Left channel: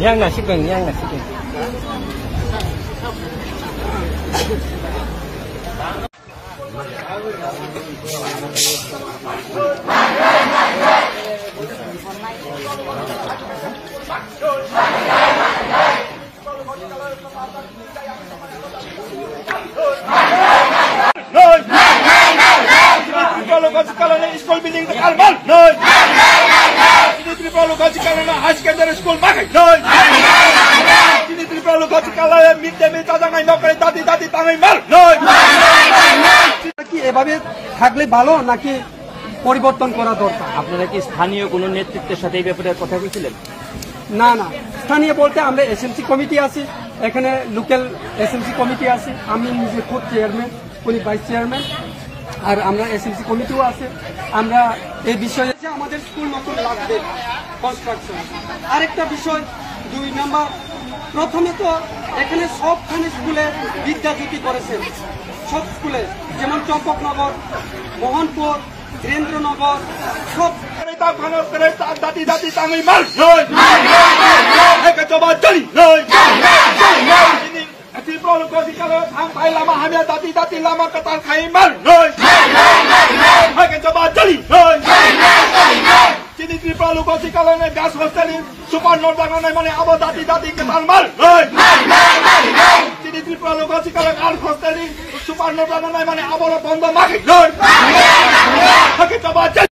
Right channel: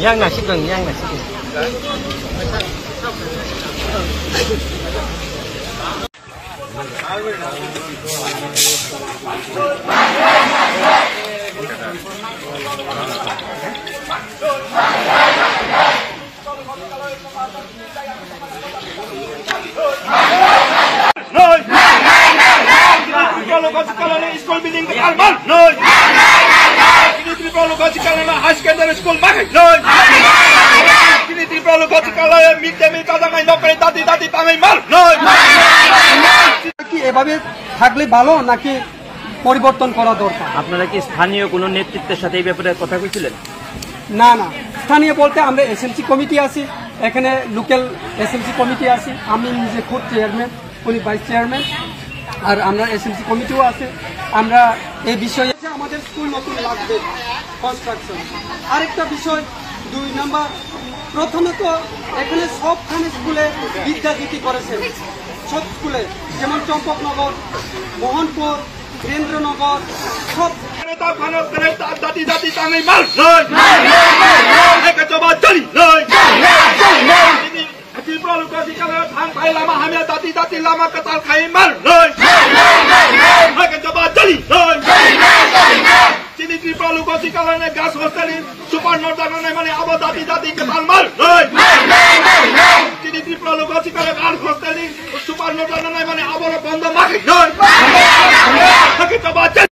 Yang nasi keng, yang nasi keng. Kalau school building dekat Almal, no. Ini tripologasi kalau high secondary school makin, no. Ini tripologasi kalau mid day meal kadang nggak pernah tadi tangan mal, no. কি এভাবে থাকলে ভালো নাকি পরিবর্তন করা দরকার? আপনারা কি স্থানীয় কোনো নেতৃত্বের সাথে এই ব্যাপারে কথা বলেছিলেন? না না, স্থানীয় বলতে আমরা এসএমসি কমিটি আছি, এখানে লোকাল এসএমসি কমিটি আছে, আমি নিজে খুব চেয়ারম্যান, উনি ভাইস চেয়ারম্যান, আর আমরা এসএমসি কমিটিও আছে। আমরা এই বিষয়ে আমাদের স্কুল নতুন লাগবে কনস্ট্রাকশন। আরেকটা বিষয় 2 নম্বর, প্রথমে তো এখানে সবখানে স্কুলে বিদ্যাজ্যোতি করেছেন, সব স্কুলে, যেমন চম্পকনগর, মোহনপুর, বীরেন্দ্রনগর, সব দাদি tangan mal, no. Mereka coba jeli, no. Ini tripologasi kalau hang kai lama hamil dati lama ketal kai mal, no. Mereka coba jeli, no. Ini tripologasi kalau ne gas hostel super nordana mane abo dati ketal mal, no. Ini tripologasi kalau gas hostel super nordana mane abo bondo mati, no. Mereka coba